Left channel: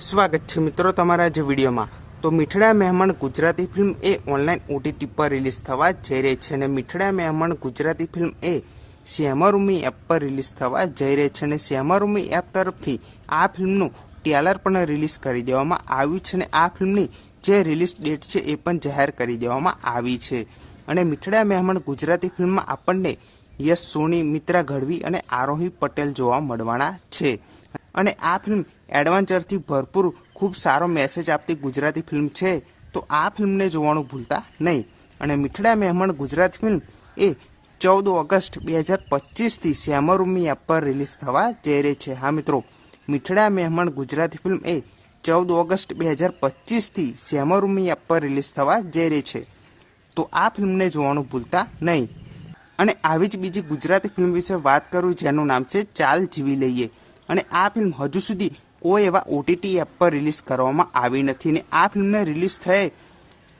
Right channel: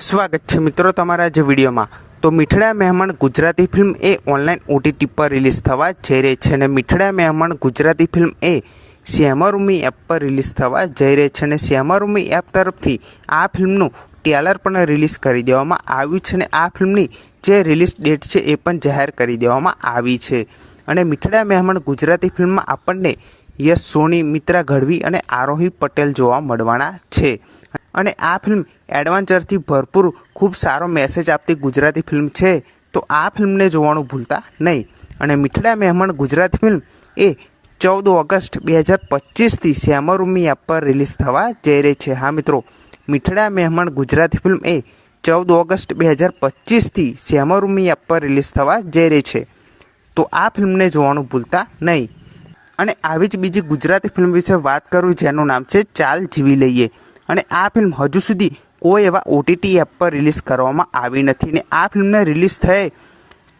સ્વાગત છે મિત્રો તમારા જે વિડીયોમાં। તો મીઠડા મહેમાન ગુજરાતી ફિલ્મ એ ઓનલાઈન OTT પર રિલીઝ થવા જઈ રહી છે અને મીઠડા મહેમાન ગુજરાતી ફિલ્મ એ શ્યામારૂમી એપ પર રિલીઝ થવા જઈ રહી છે અને શ્યામારૂમી એપ તરફથી આ ફિલ્મનું ટ્રેલર પણ રિલીઝ કરી દેવામાં આવ્યું છે અને આ ફિલ્મની જે રિલીઝ ડેટ છે એ પણ જાહેર કરી દેવામાં આવી છે। અને મીઠડા મહેમાન ગુજરાતી ફિલ્મમાં આપણને યશ સોની, મિત્રા ગઢવી અને આરોહી પટેલ જોવા મળવાના છે અને આ ફિલ્મ એડવેન્ચરથી ભરપૂર ખૂબ સારો મેસેજ આપતી ગુજરાતી ફિલ્મ છે। તો આ ફિલ્મને જોવાનું ભૂલતા નહીં। અને મીઠડા મહેમાન ગુજરાતી ફિલ્મ એ 14 ઓગસ્ટ 2025થી શ્યામારૂમી એપ પર રિલીઝ થવા જઈ રહી છે। હા મિત્રો, મીઠડા મહેમાન ગુજરાતી ફિલ્મ એ 14 ઓગસ્ટ 2025થી શ્યામારૂમી એપ પર રિલીઝ થવા જઈ રહી છે। તો આ ફિલ્મને જોવાનું ભૂલતા નહીં। અને આવી જ બીજી ગુજરાતી ફિલ્મ વિશે વાત કરું જેનું નામ છે ચાલ જીવી લઈએ। અને આ ફિલ્મ હજુ સુધી કોઈ એવા OTT એપ પર રિલીઝ કરવામાં આવી નથી ને આ ફિલ્મને રિલીઝ થયે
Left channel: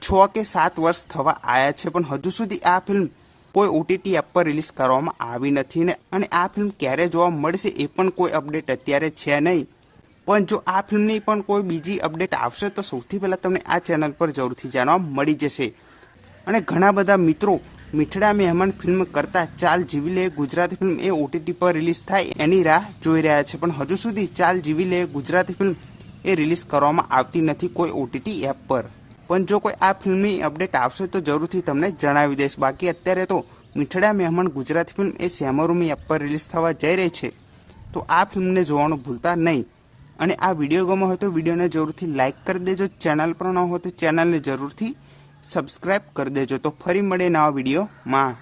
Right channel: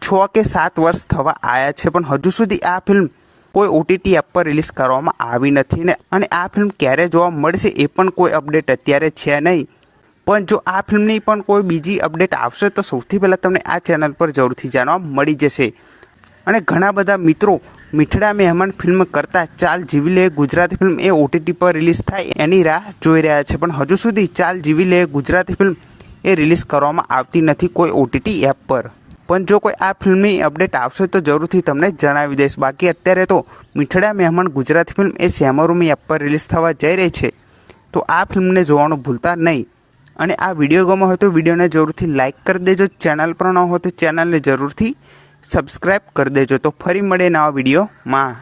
6 કે 7 વર્ષ થવા આવ્યા છે પણ હજુ સુધી આ ફિલ્મ કોઈ OTT એપ પર રિલીઝ કરવામાં આવી નથી ને અને આ ફિલ્મ ક્યારે જોવા મળશે એ પણ કોઈ અપડેટ અત્યારે છે નહીં। પણ જો આ ફિલ્મની પણ કોઈ બીજી અપડેટ આવશે તો સૌથી પહેલાં તમને આ ચેનલ પર જરૂરથી જાણવા મળી જશે। અને ઘણા બધા મિત્રો મીઠડા મહેમાન ફિલ્મ કરતાં ચાલ જીવી લે ગુજરાતી ફિલ્મ એ OTT પર રિલીઝ થાય એની રાહ જોઈ રહ્યા છે પણ હજુ સુધી ચાલ જીવી લે ગુજરાતી ફિલ્મ એ રિલીઝ કરવામાં આવતી નથી કોઈ OTT એપ પર। પણ જો કોઈ આ ફિલ્મની અપડેટ આવશે તો જરૂરથી તમને જણાવી દઈશ। બાકી અત્યારે તો મીઠડા મહેમાન ગુજરાતી ફિલ્મ એ શ્યામારૂમી એપ પર રિલીઝ થવા જઈ રહી છે તો આ ફિલ્મને જોવાનું ભૂલતા નહીં। અને આ વિડીયો ગમ્યો હોય તો વિડીયોને જરૂરથી લાઇક કરી દેજો। ચેનલ પર ન હોય તો ચેનલને જરૂરથી સબસ્ક્રાઈબ કરી દેજો। તો ફરી મળે નવા વિડીયોમાં।